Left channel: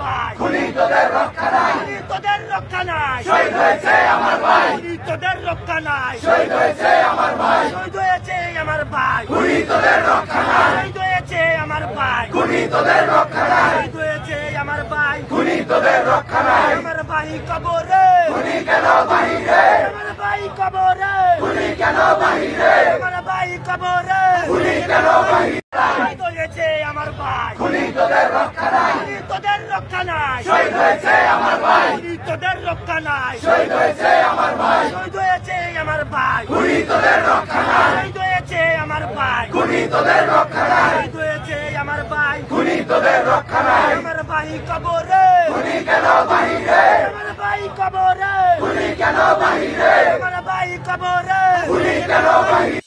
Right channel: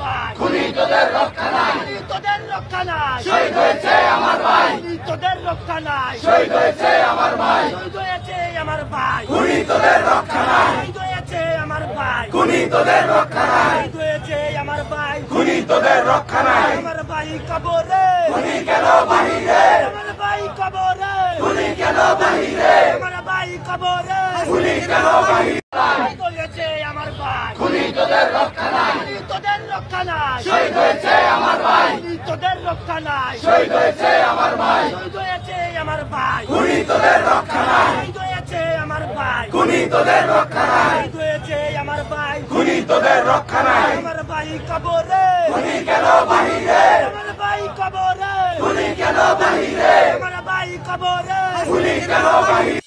ভাই, খুনি তোদের রক্ষা নাই, খুনি তোদের রক্ষা নাই, শহীদ হয়েছে আমার ভাই, খুনি তোদের রক্ষা নাই, শহীদ হয়েছে আমার ভাই, শহীদ হয়েছে আমার ভাই, খুনি তোদের রক্ষা নাই, শহীদ হয়েছে আমার ভাই, খুনি তোদের রক্ষা নাই, শহীদ হয়েছে আমার ভাই, খুনি তোদের রক্ষা নাই, আমার ভাই কবরে, খুনি কেন বাহিরে, আমার ভাই কবরে, খুনি কেন বাহিরে, আমার ভাই কবরে, খুনি কেন বাহিরে, শহীদ হয়েছে আমার ভাই, খুনি তোদের রক্ষা নাই, খুনি তোদের রক্ষা নাই, শহীদ হয়েছে আমার ভাই, খুনি তোদের রক্ষা নাই, শহীদ হয়েছে আমার ভাই, শহীদ হয়েছে আমার ভাই, খুনি তোদের রক্ষা নাই, শহীদ হয়েছে আমার ভাই, খুনি তোদের রক্ষা নাই, শহীদ হয়েছে আমার ভাই, খুনি তোদের রক্ষা নাই, আমার ভাই কবরে, খুনি কেন বাহিরে, আমার ভাই কবরে, খুনি কেন বাহিরে, আমার ভাই কবরে, খুনি কেন বাহিরে,